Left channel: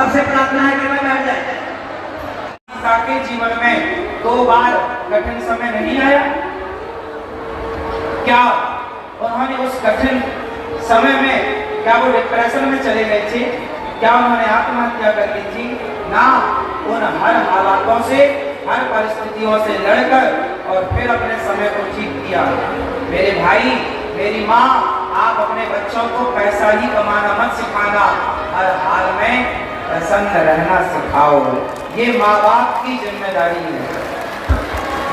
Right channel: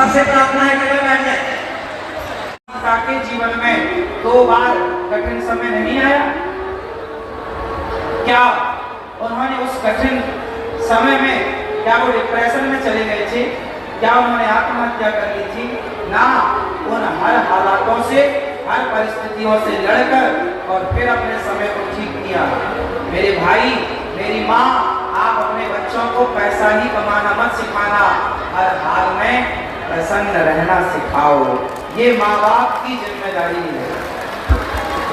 सबसे प्रार्थना है कि मैं बैठ जाए। के जीवन में 2 बार कठिन समय नहीं आया क्या? उन्होंने उस कठिन समय में क्या वो डिप्रेशन में चले गए थे? क्या उन्होंने आत्महत्या कर ली थी? ना, उन हर हालातों से, हर परिस्थितियों से लड़कर और फिर अपने समय को ठीक किया। मेरे भाई, मेरी माँ, आप अपने बच्चों को पैसा ही कमाना मत सिखाना, हर हाल में प्रसन्न रहना सिखाओ। ये माँ बाप की जिम्मेदारी है।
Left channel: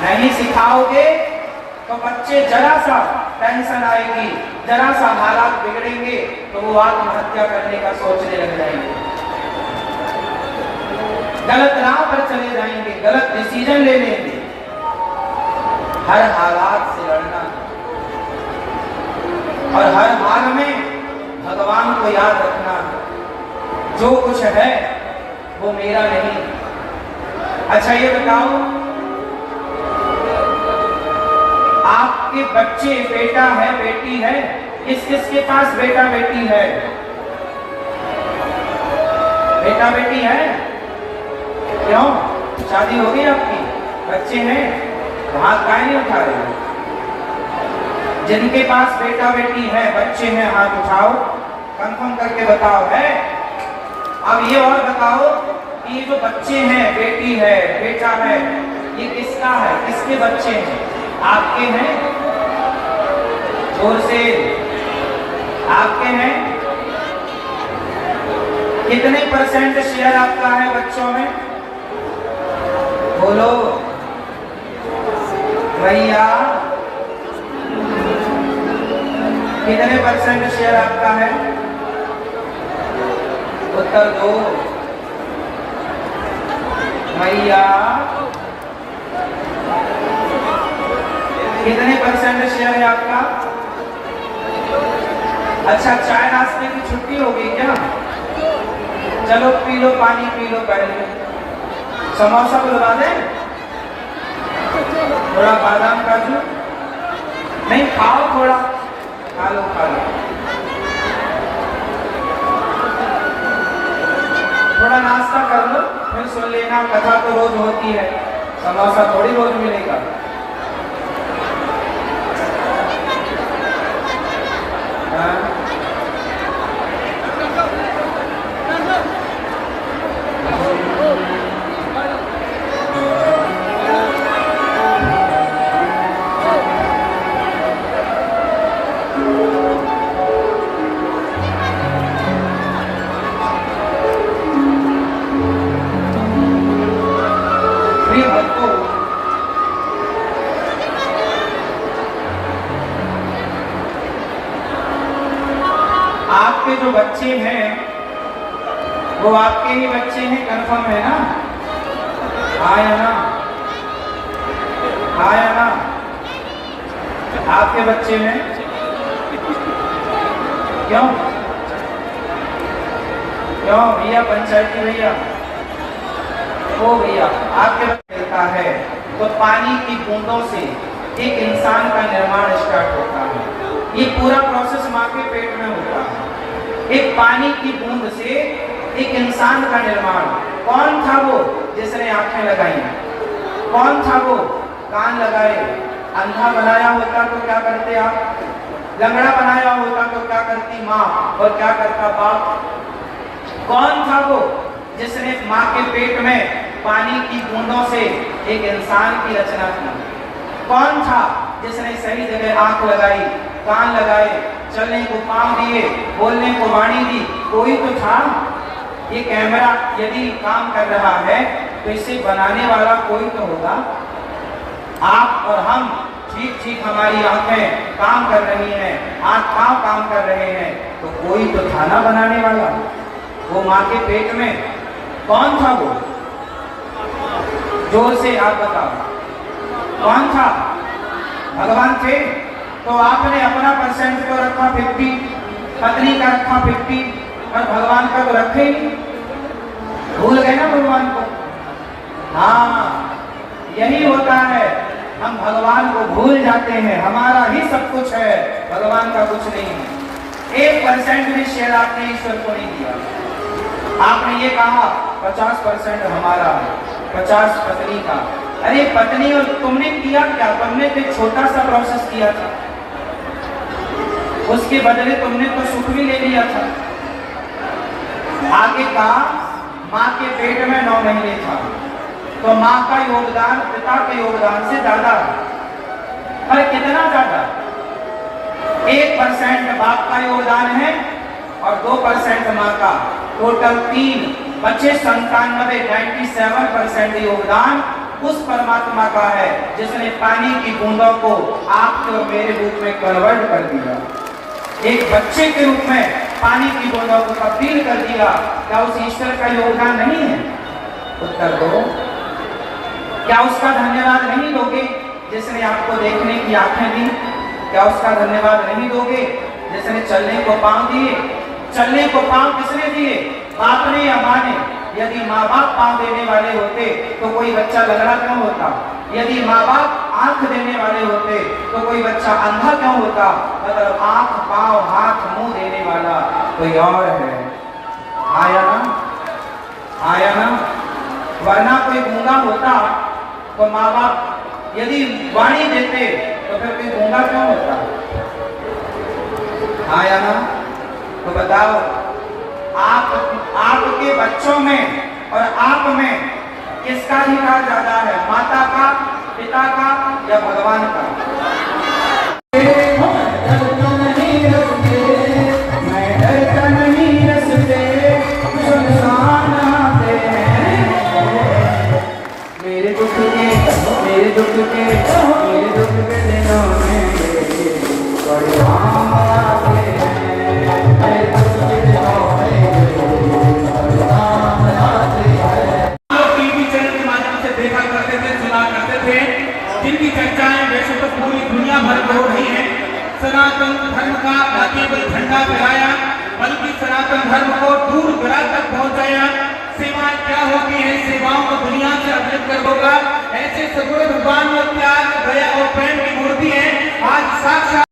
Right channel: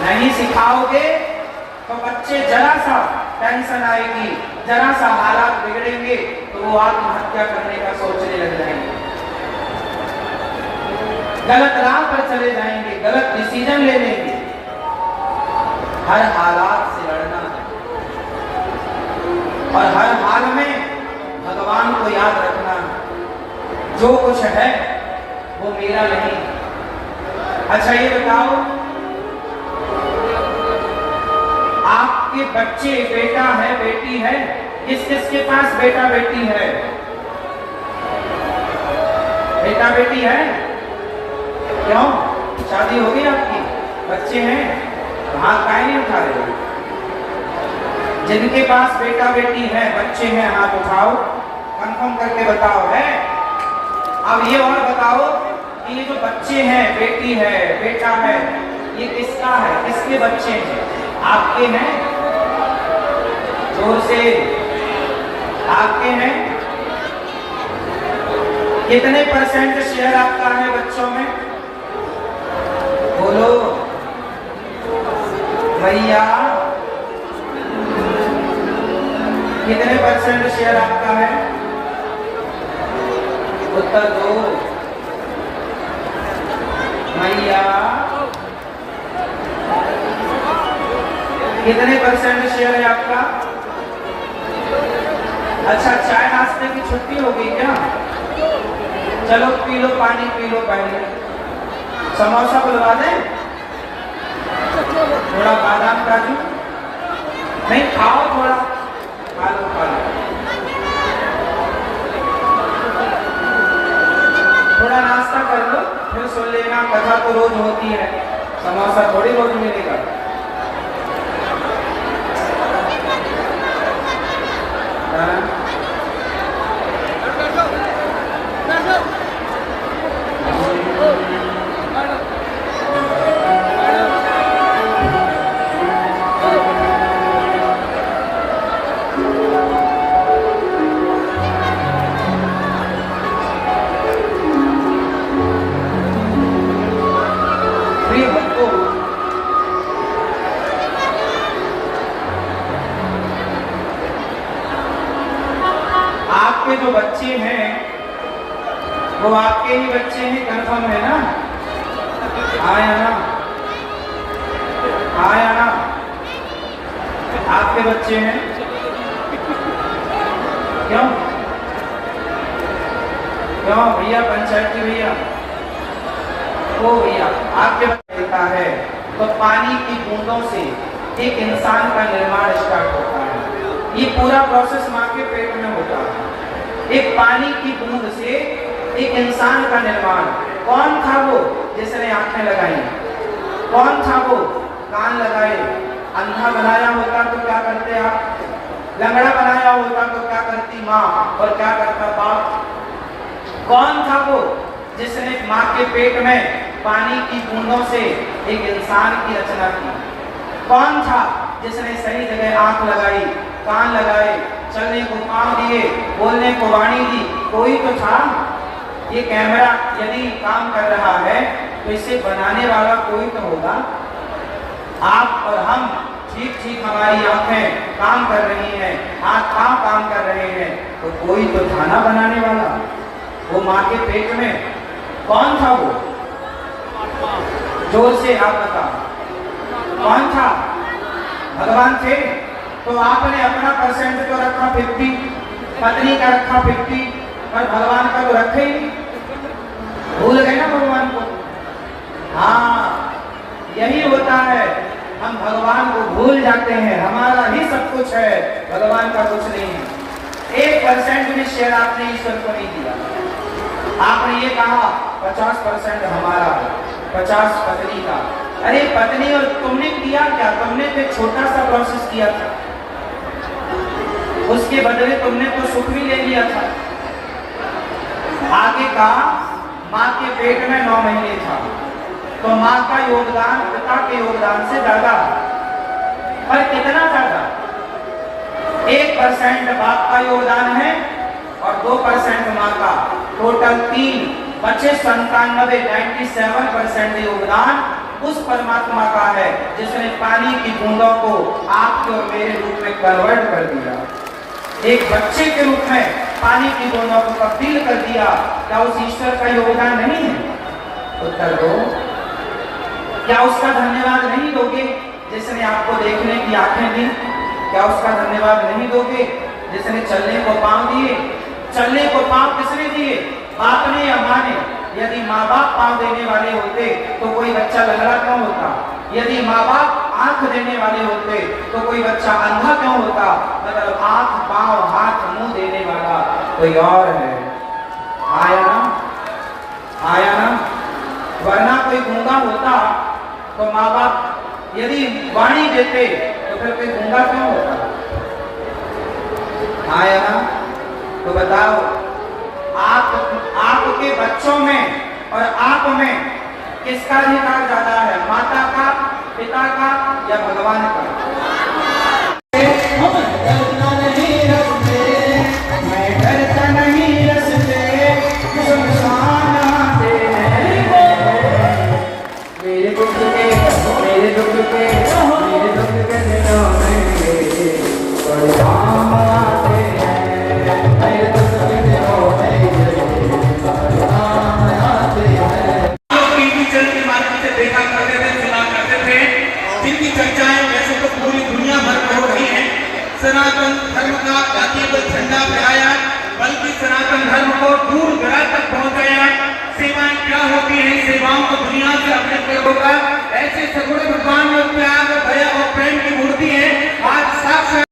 नहीं सिखाओगे तो बच्चे जरा सा टेंशन आएगी, जरा सा हालात बिगड़ेंगे तो वो आत्महत्या करने का सोचने लग जाएंगे, गलत राह पर चले जाएंगे, गलत डिसीजन ले लेंगे। हर हालात से लड़ना और हर हाल में भगवान को याद रखना, जो कुछ है वो मेरा नहीं। अच्छा ये बताओ, आपके बच्चे बेटा है बेटी है, किस किस के पास बेटा बेटी है? बेटा बेटी है? क्यों? शादी हो गई आपकी? बच्चे हैं? हाथ काहे नहीं उठा रहे? जिनके पास बेटा बेटी है, बच्चे हैं, हाथ उठाओ, कंफर्म करके बताओ। है? अब ये और बताओ कि ये जो बच्चे हैं, बेटी है, बेटा है, ये किसका है? किसके बच्चे हैं? आपके हैं? जोर से, आपके हैं? कितने % शेयर आपका है बच्चों में? बोलो भैया, कितने % शेयर आपका है? उत्तर दो भैया, कितने % शेयर है आपका? अच्छा, चाय नाश्ते की छुट्टी होगी क्या? चलो पी लो, पानी पी लो, पहले समोसा बुलवा दें, थोड़ा बादाम काजू नहीं खाओ, थोड़ा खा लो, खा लो, थोड़ा नाश्ता कर लो, फिर सुन लेना। कथा तो रोज होती है, समोसा थोड़ी रोज मिलेगा। आपके जो बच्चे हैं वो आपके ही बच्चे हैं, कंफर्म है ना? आया ना? आया ना? आपके बच्चे हैं? क्यों क्यों भैया, पंचायती भैया, ओ भैया, आपके देता है तो पानी की बूंदों से एक इंसान का निर्माण स्टार्ट होता है। ये पूरा प्रोसेस माँ के पेट में होता है। एक पानी की बूंद से एक इंसान का निर्माण। कौन था वो जिसने आंखें लगाई? कौन था वो कान लगाए, अंधा लंगड़ा बनाया होता तो क्या करती माँ और क्या करता बाप? कौन था वो जिसने माँ के पेट में पानी की बूंदों से एक इंसान की रचना की? कौन था जिसने सही जगह आंख लगाई, कान लगाए, चलने को पांव दिए, बोलने को वाणी दी? कोई तो था। ये कैमरा यदि काम कर रहा है तो इसे बनाने वाला कोई तो होगा। आप और हम ठीक ठीक हमारी आंखें काम कर रही हैं, हाथ काम कर रहे हैं, तो कोई तो था ना बनाने वाला। वो माँ के पेट में कौन था वो? जोर से आप बताओ, कौन था? भगवान थे। तो आपने अपना परसेंट तो रखा 50, पत्नी का रखा 50, और भगवान का तो रखे ही, भूल गए ना भगवान को। हाँ, यही होता है, हम भगवान को भूल जाते हैं। हमारा ही सब कुछ है, भगवान का कुछ नहीं है। 1% भी शेयर आपने ईश्वर को नहीं दिया। आपने ये कहा 50% हमारा, 50 पत्नी का। अरे पत्नी, और तुमने किया क्या? तुमने तो एक छोटा सा प्रोसेस किया था, उसके बदले तुमने तो सुख भी ले लिया था। आगे कहा माँ के पेट में 9 महीने था, तो माँ का योगदान पिता के योगदान से ज्यादा। पर कितना ज्यादा? 1% बाप का योगदान है और 2% माँ का। टोटल 3 बचे 97% योगदान उस परमात्मा का है जिसने पानी की बूंदों को आपके और मेरे रूप में कन्वर्ट कर दिया, एक बच्चे के रूप में पानी की बूंदों को तब्दील कर दिया। क्या उस ईश्वर का योगदान नहीं है? उत्तर दो। क्या उसका धन्यवाद नहीं दोगे जिसने आपको देखने की आंखें दी? क्या उसका धन्यवाद नहीं दोगे जिसने चलने को पांव दिए? चलने को पांव किसने दिए? बाप ने या माँ ने? यदि माँ बाप पांव देने वाले होते तो कोई बच्चा लंगड़ा क्यों होता? यदि माँ बाप आंख देने वाले होते तो कोई बच्चा अंधा क्यों होता? मतलब आंख, पांव, हाथ, मुंह देने वाला कोई और है। आया ना? आया ना? वरना कोई गूंगा होता तो माँ बाप यदि वाणी देते तो फिर कोई गूंगा क्यों होता? आया ना? तो बताओ, आपके बच्चों में और आप में किसका अधिकार ज्यादा है? माता का, पिता का या भगवान का? मैं डरता नहीं रस्ते, मेरे दुख के दिनों में परवान आते हैं, मेरे दुख के दिनों में परवान आते हैं। टीवी चैनल के माध्यम से देखा करते थे, सुना करते थे, जिनकी चर्चाएं वैसे तो पूरी दुनिया भर में हो रही है। सनातन धर्म का आगे झंडा फहराया, बल्कि सनातन धर्म को दूर दराज तक पहुंचाया। सेवाएं क्या होती है, सेवाओं को दुनिया से अपने होगा, ऐसे सगुण भगवान में त्याग, दया और प्रेम की मूर्ति है। आज साक्षात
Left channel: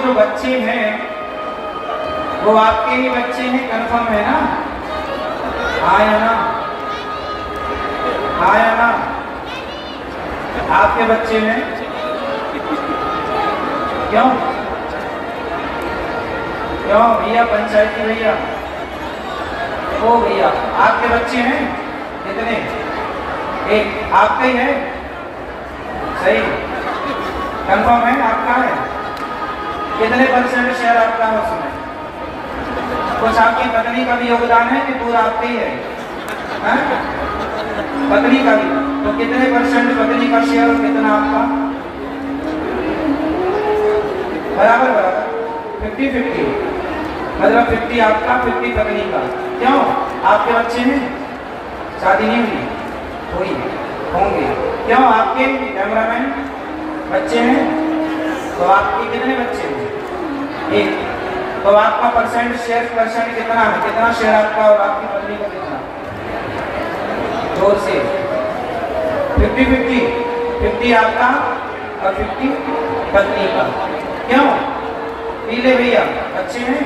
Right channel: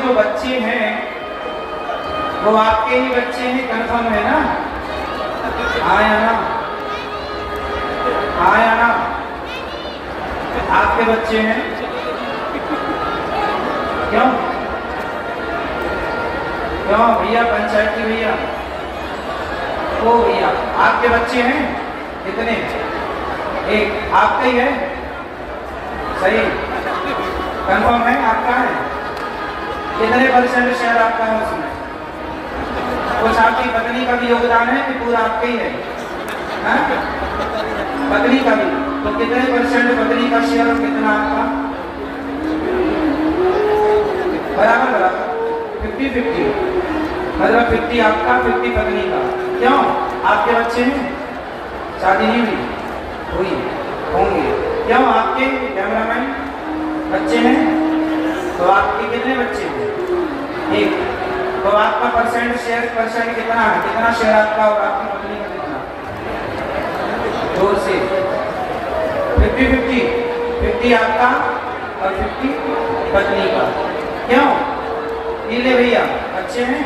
जो बच्चे हैं वो आपके ही बच्चे हैं, कंफर्म है ना? आया ना? आया ना? आपके बच्चे हैं। क्यों क्यों भैया, पंचायती भैया, ओ भैया, आपके बच्चे हैं कितने? एक आपके ही है, सही। कंफर्म है? आपका है? कितने परसेंट शेयर आपका है उसमें? कुछ आपकी पत्नी का भी योगदान है कि पूरा आपका ही है? पत्नी का भी, तो कितने परसेंट पत्नी का शेयर और कितना आपका? बराबर बराबर 50-50, मतलब 50 आपका 50 पत्नी का। क्यों? आपके बच्चे हैं? शादी नहीं हुई? होंगे। क्यों? आपके कैमरामैन बच्चे हैं? तो आपके कितने बच्चे हैं? एक। तो आपका परसेंट शेयर कितना है? कितना शेयर आपका और आपकी पत्नी का कितना? 2 से 50-50, 50 आपका और 50 पत्नी का। क्यों? पीले भैया बच्चे हैं?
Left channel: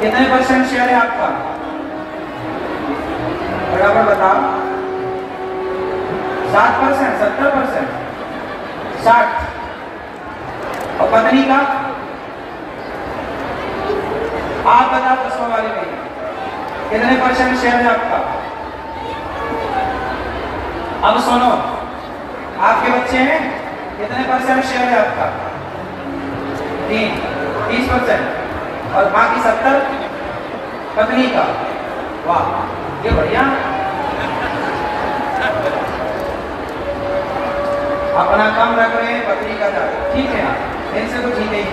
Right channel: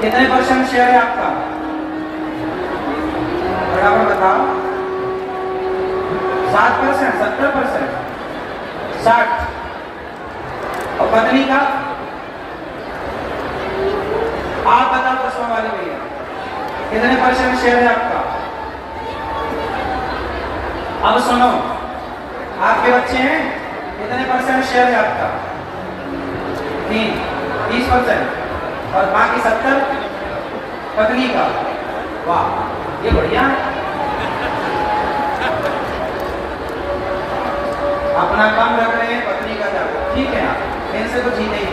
कितने परसेंट शेयर है आपका? बराबर बताओ। 7%, 70%, 60। और पत्नी का? आप बताओ 10 वाली भैया कितने परसेंट शेयर है आपका? अब सुनो, आपके बच्चे हैं? कितने परसेंट शेयर है आपका? 30% और बाकी 70 पत्नी का। वाह, ये बढ़िया। अपना काम रख रहे हैं, पत्नी का ज्यादा, ठीक है ना? इनसे तो जीते ही।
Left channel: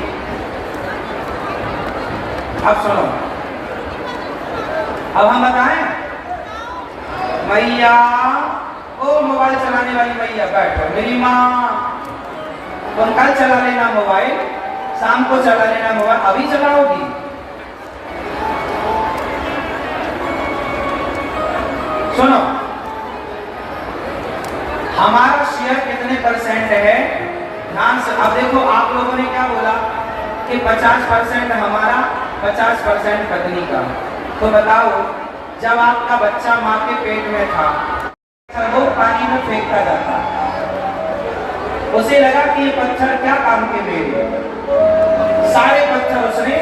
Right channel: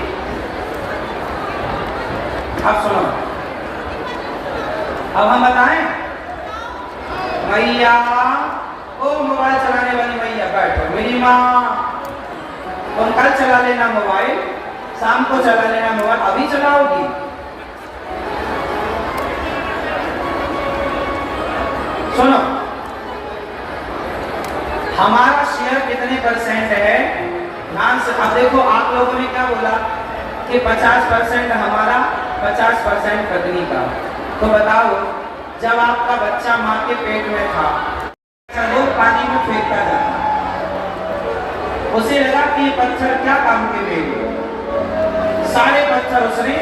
अब सुनो, अब हम बताएं मैया, ओ मोबाइल चलाने वाली मैया बैठो, मेरी माँ तुम कल चला लेना मोबाइल, शाम को चला लेना मोबाइल, अभी चलाओगी? सुनो, हमारा शेयर कितने परसेंट है? ध्यान से। अब देखो, आप लोगों ने क्या बोला कि 50% हमारा, 50% पत्नी का। तो बताओ, जब आपका बच्चा माँ के पेट में था, वो पानी में फेंकता जाता, उसे लगा कि ये पत्थर क्या काम के लिए? सारे पत्थर उसने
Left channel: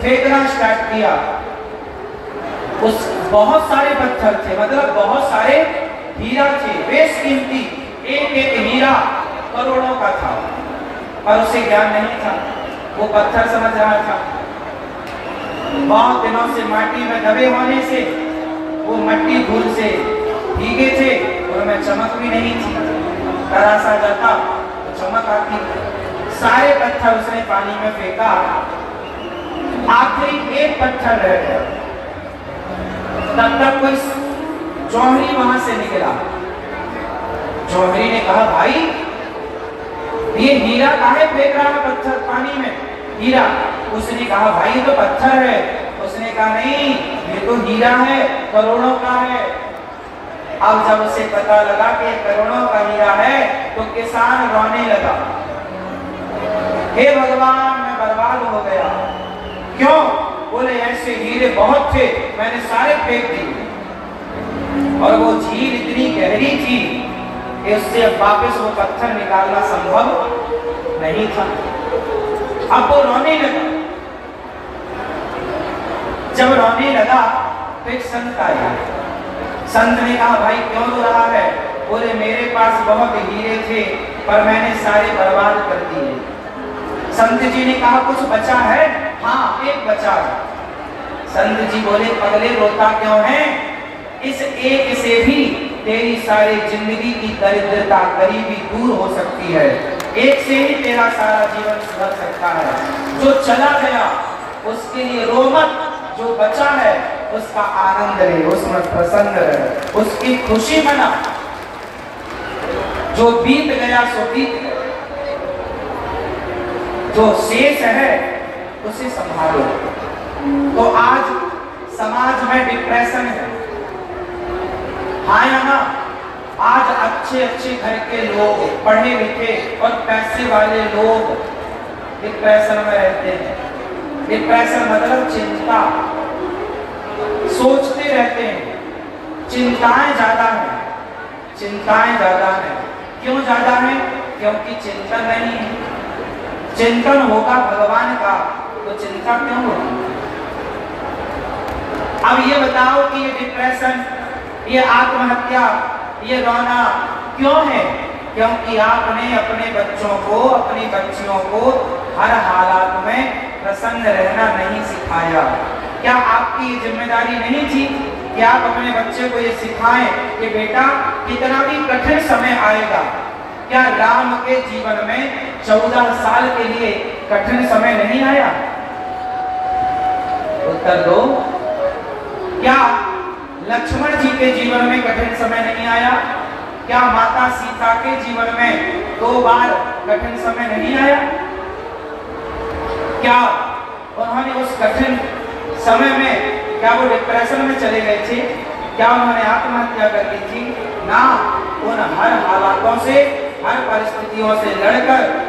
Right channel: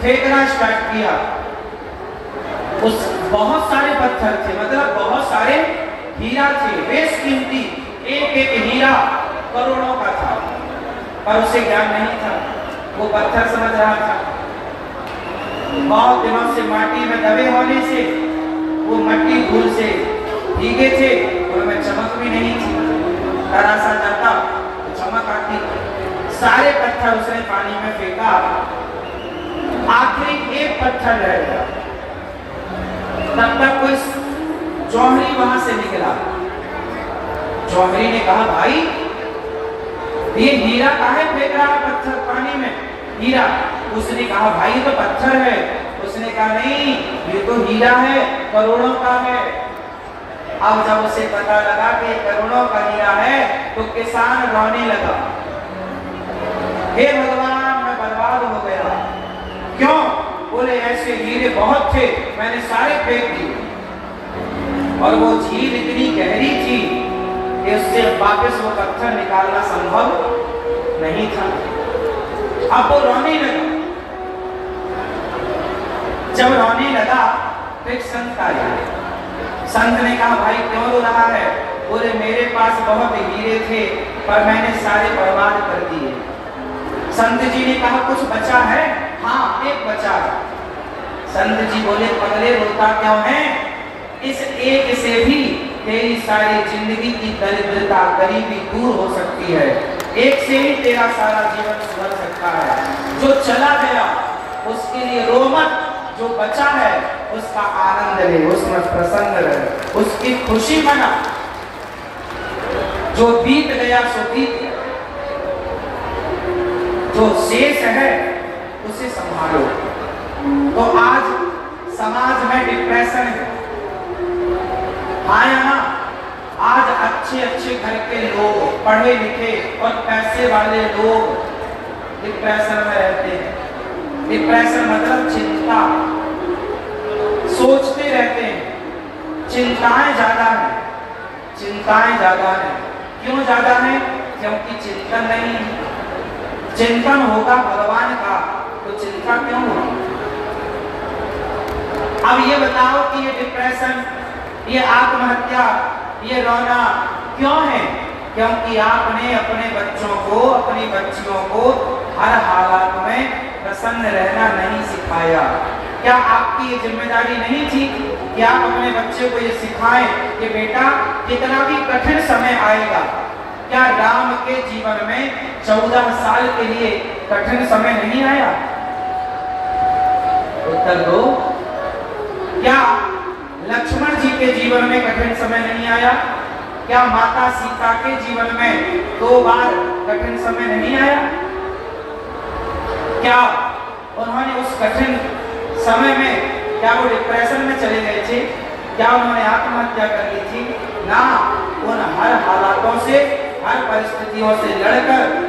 फेंकना स्टार्ट किया। उस बहुत सारे पत्थर थे, मतलब बहुत सारे हीरा थे, बेशकीमती, एक एक हीरा करोड़ों का था, पर उसे ज्ञान नहीं था, वो पत्थर समझ रहा था। बहुत दिनों से माटी में दबे होने से वो मट्टी धूल से भीगे थे, उनमें चमक भी नहीं थी। कड़ा सा जाता तो चमक आती। सारे पत्थर उसने पानी में फेंका, आखिरी एक पत्थर रह गया। तब तक कोई जौहरी वहां से निकला। जौहरी ने कहा, भाई ये हीरा काहे फेंक रहा है पत्थर पानी में? हीरा। उसने कहा, भाई ये तो पत्थर है। उसने कहा, नहीं ये तो हीरा है, करोड़ों का है। अब जब उसे पता लगा कि करोड़ों का हीरा है तो किसान रोने लगा, हे भगवान मैं बर्बाद हो गया। क्यों? बोले ऐसे हीरे बहुत थे, मैंने सारे फेंक दिए, और वो झील इतनी गहरी थी कि उससे वापस वो पत्थर निकालना संभव नहीं था। अब वो रोने लगा। जब रोने लगा तो एक संत आया। संत ने कहा, भाई क्यों रो रहा है? बोले मेरे पास बहुत हीरे थे पर मैंने सारे बर्बाद कर दिए। संत जी ने कहा, कुछ बचा है? हाँ, एक बचा। संत जी बोले, पगले रोता क्यों है? इस एक से भी तेरी सारी जिंदगी की दरिद्रता, गरीबी दूर हो सकती है। एक से ही तेरा सारा जीवन सुधर सकता है। जो चला गया उसके लिए रो मत, जो बचा है उसका आनंद ले, उसमें प्रसन्न रहे, उसकी खुशी मना। जो बीत गया सो बीत गया, जो शेष है उसे संभालो। तो आज समाज में डिप्रेशन है, हाँ या ना? आज अच्छे अच्छे घर के लोग, पढ़े लिखे और पैसे वाले लोग डिप्रेशन में रहते हैं। डिप्रेशन मतलब चिंता, सोचते रहते हैं, चिंताएं ज्यादा है, चिंताएं ज्यादा है। क्यों ज्यादा है? क्योंकि चिंतन नहीं है। चिंतन होगा भगवान का तो चिंता क्यों होगी? अब ये बताओ कि ये डिप्रेशन, ये आत्महत्या, ये रोना क्यों है? क्योंकि आपने अपने बच्चों को, अपनी बच्चियों को हर हालात में प्रसन्न रहना नहीं सिखाया। क्या आपकी ये जिम्मेदारी नहीं थी कि आप अपने बच्चे को ये सिखाएं कि बेटा कितना भी कठिन समय आएगा? क्या राम के जीवन में 14 साल के लिए कठिन समय नहीं आया? उत्तर दो। क्या लक्ष्मण जी के जीवन में कठिन समय नहीं आया? क्या माता सीता के जीवन में 2 बार कठिन समय नहीं आया? क्या उन्होंने उस कठिन समय में क्या वो डिप्रेशन में चले गए थे? क्या उन्होंने आत्महत्या कर ली थी? ना, उन हर हालातों से, हर परिस्थितियों से लड़कर